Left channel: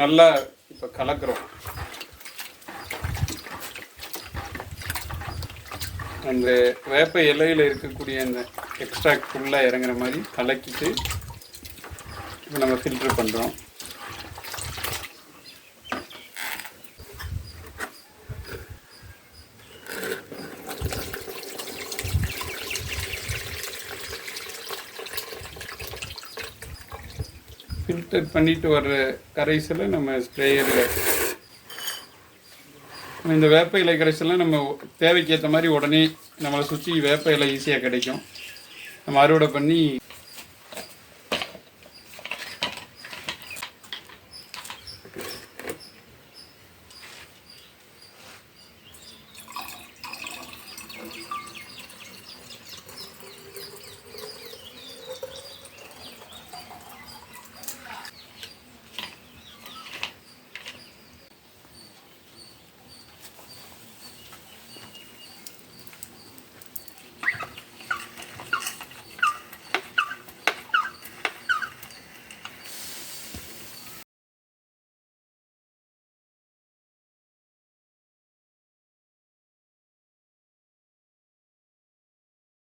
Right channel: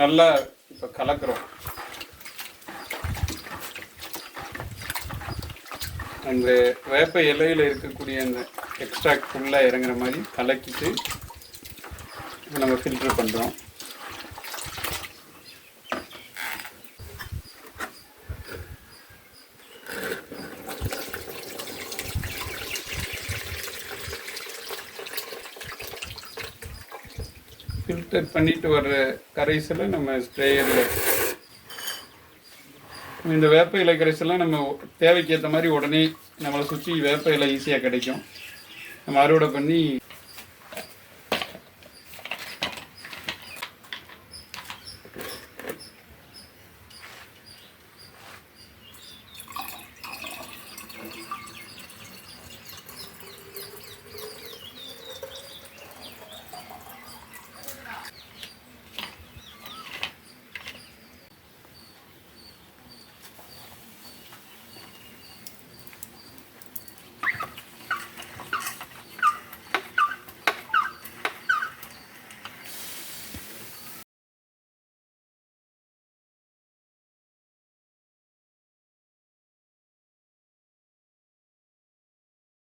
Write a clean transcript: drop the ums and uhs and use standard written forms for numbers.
நல்லா இப்போ கலக்கிறோம். அந்த வேப்ப இலையில் இருக்கக்கூடிய அந்த எக்ஸ்ட்ராக்ட் ஃபுல்லாக இறங்குற மாதிரி கலக்கிட்டு இப்போ நம்ம ஃபில்டர் பண்ணுறோம். ஃபில்டர் பண்ணிட்டு வர்ற கரைசலை நம்ம ஸ்ப்ரேயரில் இந்த வேப்ப இலை கரைசல்லாம் நம்ம தேவைக்கு ஏற்ற மாதிரி உடனே நம்மளை சுற்றி வேப்ப இலை ஈஸியாக கிடைக்கும். நம்ம அறுவடை பண்ணி